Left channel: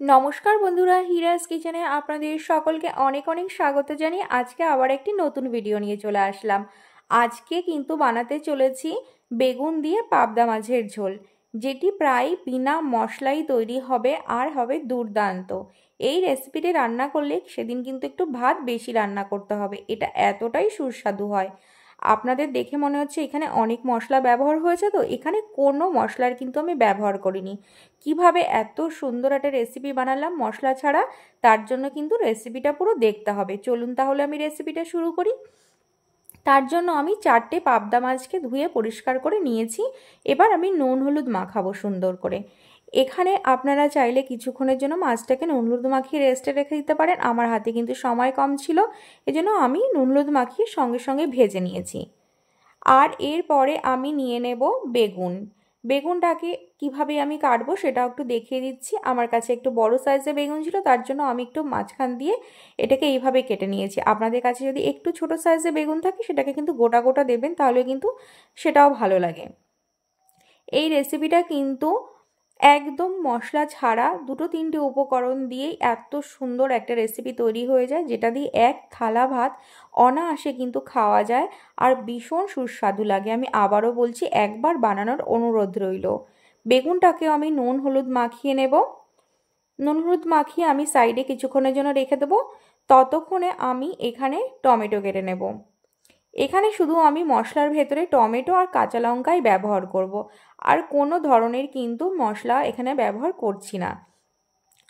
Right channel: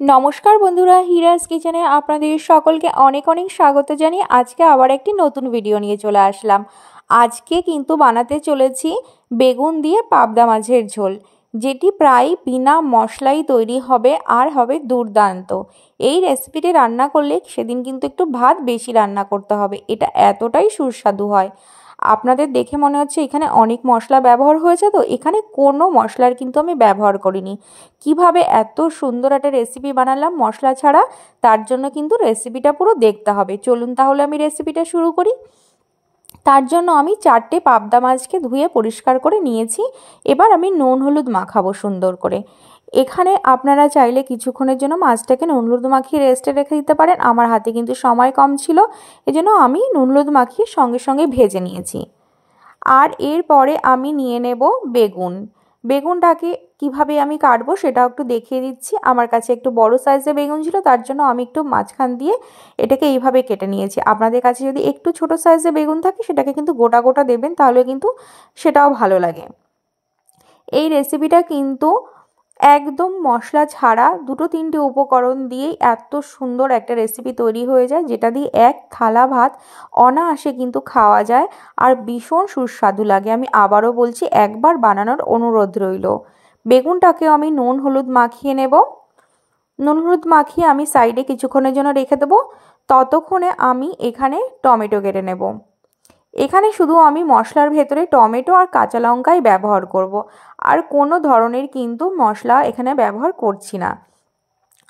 নমস্কার বন্ধুরা, হিরাস কিচেনে আপনাদের সকলকে অনেক অনেক স্বাগত জানিয়ে আজকে আবার একটি নতুন ভিডিও নিয়ে চলে আসলাম। আজকে কিন্তু বানাতে চলেছি বেগুন দিয়ে পাবদা মাছের ঝোল, যেটি প্রায় বিনা মশলাই তৈরি হবে আর হবে দুর্দান্ত। এই রেসিপিটি রান্না করলে সেদিন কিন্তু একটু ভাত বেশি রান্না করতে হবে, এটা এতটাই সুস্বাদু হয়। আপনাদের দেখে মনে হচ্ছে এখানে অনেক মশলা ব্যবহার হয়েছে, তো এখানে কোনো মশলার কিন্তু আমি ব্যবহার করিনি। কিভাবে এত সুন্দর একটা রেসিপি বানালাম মশলা ছাড়া, তার জন্য কিন্তু রেসিপিটা পুরো দেখতে হবে। চলুন তাহলে আমি রেসিপিটা শুরু করি। তার জন্য আমি 4টে পাবদা মাছকে ধুয়ে পরিষ্কার করে নিয়েছি। এবার আমি নুন হলুদ মাখাবো সুন্দর করে। এখানে আপনারা চাইলে কিছুক্ষণের জন্য মাছটাকে নুন হলুদ মাখিয়ে রেস্টে রেখে দিতে পারেন। আমার হাতে কিন্তু সময় কম ছিল, এজন্য আমি নুন হলুদ মাখিয়ে সঙ্গে সঙ্গে ভেজে নিয়েছি। আর এরপরে আমি নিয়ে নেব বেগুন। বেগুনটাকে কিভাবে আমি কাটবো সেটাও একটু দেখিয়ে দিচ্ছি। আমার কাছে একটু বড় সাইজের বেগুন ছিল, তার জন্য আমি একটু মাঝখান দিয়ে এটাকে এইভাবে কেটে নিয়েছি। আপনাদের কাছে যদি একটু ছোট সাইজের বেগুন থাকে সেটাকে কিন্তু গোটা গোটা দেবেন, তাহলে কিন্তু সেটাও ভালো লাগে। এই রেসিপিটা কিন্তু একদম মশলা ছাড়া 2-3টে উপকরণ দিয়েই এত সুন্দর একটা রেসিপি তৈরি হয়ে যায়, যেটা দিয়ে এক থালা ভাত অনায়াসে কিন্তু খাওয়া যায় আর ভীষণ সুস্বাদু লাগে। আমি আবারও বলছি, একবার বানানোর অনুরোধ রইল। বেগুনটাকে আমি নুন হলুদ মাখিয়ে নেব। নুন হলুদ মাখিয়ে আমি সাইডে কিছুক্ষণের জন্য রেখে দেবো। ততক্ষণে আমি এখানে টমেটো কেটে নেব। এখানে শুধু আমি মশলার ভেতরে টমেটো আর কাঁচা লঙ্কাই ব্যবহার করব, আর কোনো ধরনের কিন্তু মশলা এখানে ব্যবহার করছি না।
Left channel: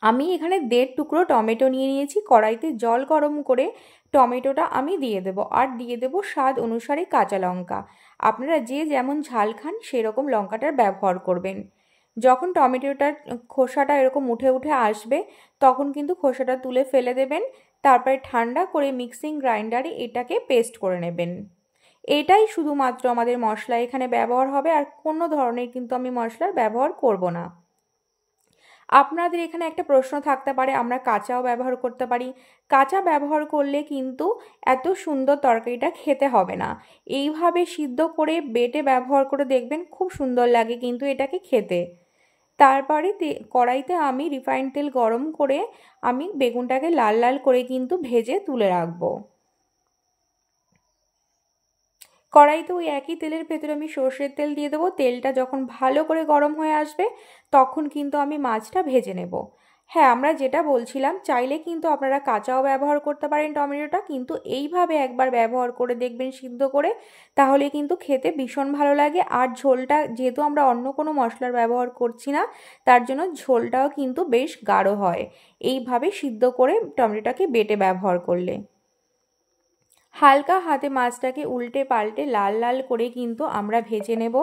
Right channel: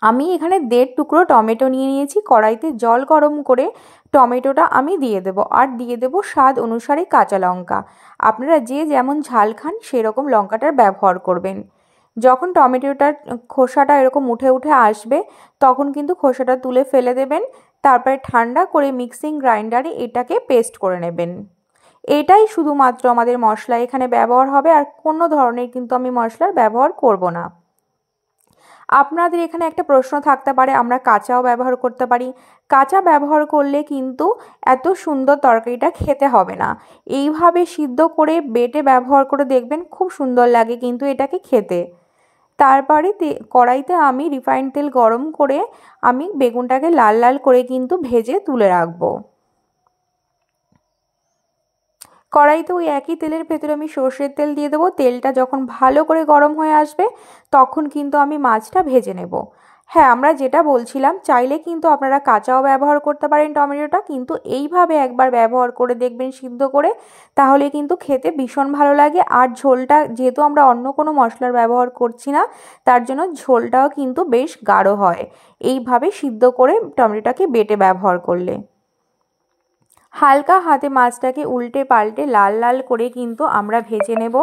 আমি এখানে 1.5 টুকরো টমেটো নিয়ে নিয়েছি। কড়াইতে জল গরম করে টমেটোটা আমি দিয়ে দেব, আর দিয়ে দেব স্বাদ অনুসারে কাঁচা লঙ্কা। আপনারা যে যেমন ঝাল খান সেরকম লঙ্কাটার ব্যবহার করবেন। যখন টমেটোটার খোসাটা এরকম উঠে উঠে আসবে, তখন কিন্তু খোসাটা তুলে ফেলে দেবেন। তারপরে ঠান্ডা করে মিক্সিং গ্রাইন্ডারে এটাকে পেস্ট করে নেবেন। এটাই শুধুমাত্র আমাদের মশলা এখানে ব্যবহার হবে, আর কোনো ধরনের কিন্তু আমি মশলার ব্যবহার করব না। আপনাদের এখানে একটা প্রশ্ন থাকতে পারে, আমরা কাঁচাও ব্যবহার করতে পারি। কাঁচা ব্যবহার করলে কিন্তু এত সুন্দর তরকারিটা খেতে হবে না। এইভাবে সিদ্ধ করে বেটে ব্যবহার করে দেখবেন, খুব সুন্দর লাগে কিন্তু এটাকে খেতে। তারপরে কড়াইতে আমি রিফাইন্ড তেল গরম করে আমি বেগুনটাকে লাল লাল করে কিন্তু ভেজে তুলে রাখবো। কড়াইতে ওই একই তেলের ভেতরে আমি সর্ষের তেল দিয়ে দেবো। তেলটা যখন ভালো করে গরম হয়ে আসবে, তখন কিন্তু আমি মাছটা ভেজে নেব। হ্যাঁ, আমরা যেটা বলছিলাম, চাইলে কিন্তু আপনারা কাঁচাও ব্যবহার করতে পারেন টমেটোটা, কিন্তু এইভাবে একবার ব্যবহার করে দেখবেন সিদ্ধ করে, তাহলে কিন্তু খেতে ভীষণ ভালো লাগে। আর ঝোলটা যেহেতু আমরা অন্য কোনো মশলার ব্যবহার করছি না, তার জন্য ঝোলটাও কিন্তু বেশ গাঢ় হয় এইভাবে সিদ্ধ করে টমেটোটাকে বেটে ব্যবহার করলে। হালকা হাতে মাছটাকে উল্টে পাল্টে লাল লাল করে কিন্তু আমরা ভেজে নেব।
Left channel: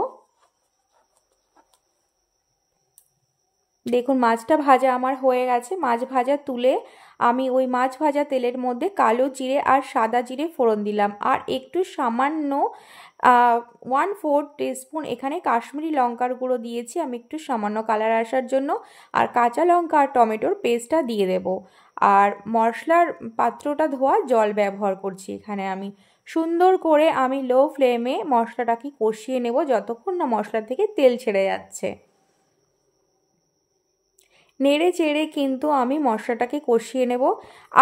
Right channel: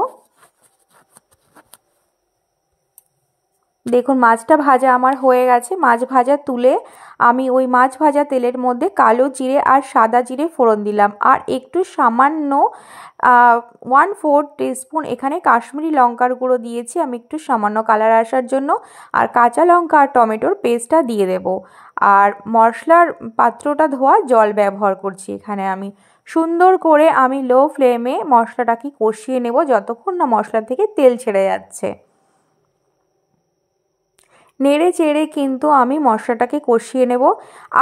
দেখুন, মাছটা ভাজা আমার হয়ে গেছে। মাছ ভাজা তুলে আমি ওই মাছ ভাজা তেলের মধ্যে কালো জিরে আর সাদা জিরে ফোড়ন দিলাম, আর একটু সামান্য 1/4 টিস্পুন এখানে কাশ্মীরি লঙ্কার গুঁড়ো দিয়েছি আমি, একটু সামান্য কালার আসার জন্য। আর কাঁচা লঙ্কা আর টমেটোর পেস্টটা দিয়ে দেব। আর মশলার পাত্রটা ধোয়া জল ব্যবহার করছি এখানে আমি। সুন্দর করে আমি লো ফ্লেমে মশলাটাকে কষিয়ে নেব যতক্ষণ না মশলা থেকে তেল ছেড়ে যাচ্ছে। নেড়ে চেড়ে কিন্তু আমি মশলাটাকে কষিয়ে নেব।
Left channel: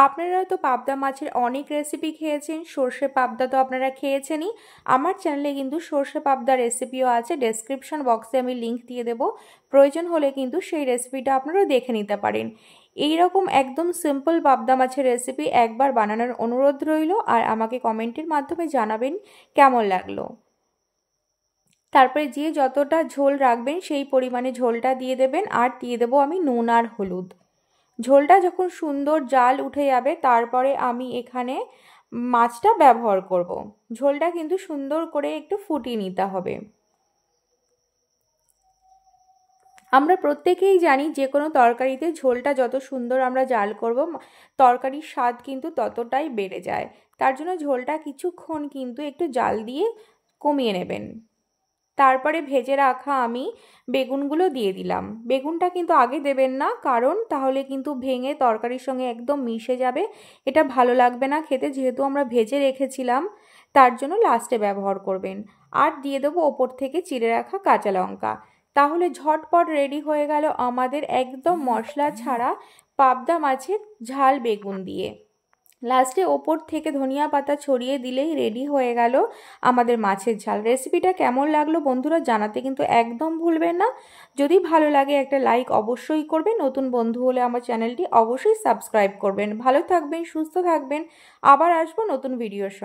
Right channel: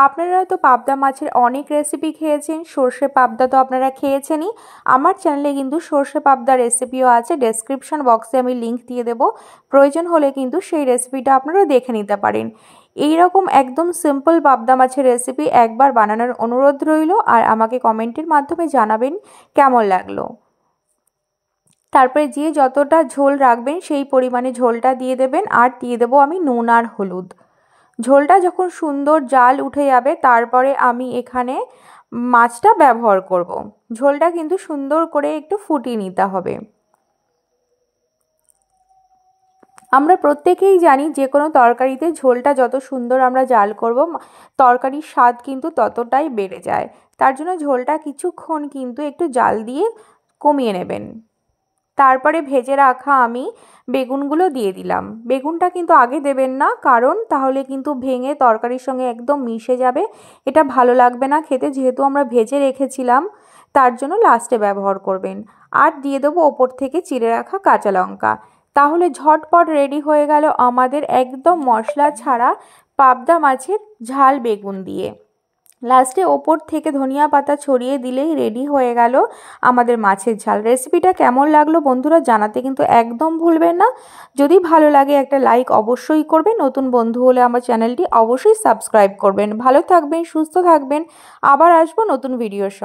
আপনারা তো পাবদা মাছের অনেক রেসিপি খেয়েছেন, সর্ষে পাবদা তো আপনারা খেয়েছেনই। আমার চ্যানেলে কিন্তু সর্ষে পাবদা রেসিপিও আছে, ডেসক্রিপশন বক্সে আমি লিংক দিয়ে দেব। প্রয়োজন হলে কিন্তু সেই রেসিপিটা আপনারা দেখে নিতে পারেন। এইরকম একদম সিম্পল পাবদা মাছের রেসিপি একবার বানানোর অনুরোধ রইল, আর আমাকে কমেন্টের মাধ্যমে জানাবেন কেমন লাগলো। তারপরে যে যতটা ঝোল রাখবেন সেই পরিমাণে ঝোলটা দিয়ে দেবেন, আর দিয়ে দেবো আমি নুন আর হলুদ। ঝোলটা যখন সুন্দর জাল উঠে যাবে, তারপরে আমি এখানে মাছটা ব্যবহার করব। ঝোলটা কিন্তু সুন্দর করে একটু ফুটিয়ে নিতে হবে। আমরা প্রত্যেকেই জানি, যে কোনো তরকারিতে ঝোলটা যত সুন্দর আমরা জাল করব, তরকারির স্বাদ কিন্তু ততটাই বেড়ে যায়। তার জন্য ঝোলটা কিছুক্ষণ কিন্তু একটু জাল দিয়ে কমিয়ে নেবেন। তারপরে ভেজে রাখা আমি বেগুনগুলো দিয়ে দিলাম। বেগুনটা কিন্তু আগে দেবেন না, কারণ তাহলে কিন্তু ভেঙে তরকারির সঙ্গে একদম মিশে যাবে, এটা ভালো লাগবে না খেতে। যেহেতু আমরা ভেজে রেখেছিলাম, তার জন্য লাস্টে ব্যবহার করবেন। আর দিয়ে দেবো ওপর থেকে চিড়ে রাখা কাঁচা লঙ্কা। তাহলে ঝটপট রেডি হয়ে গেল আমাদের একদম মশলা ছাড়া পাবদা মাছের ঝাল বেগুন দিয়ে। লাস্টে ওপর থেকে ধনিয়া পাতা ছড়িয়ে দিলেই রেডি হয়ে গেল আমাদের মাছের ঝাল। রেসিপিটা কেমন লাগলো বন্ধুরা জানাতে কিন্তু একদম ভুলবেন না। যদি ভালো লাগে একটা লাইক অবশ্যই করবেন। নতুন বন্ধু হলে আমার চ্যানেলটি অবশ্যই সাবস্ক্রাইব করবেন। ভালো থাকবেন, সুস্থ থাকবেন। আবার আসবো নতুন ভিডিওর সঙ্গে।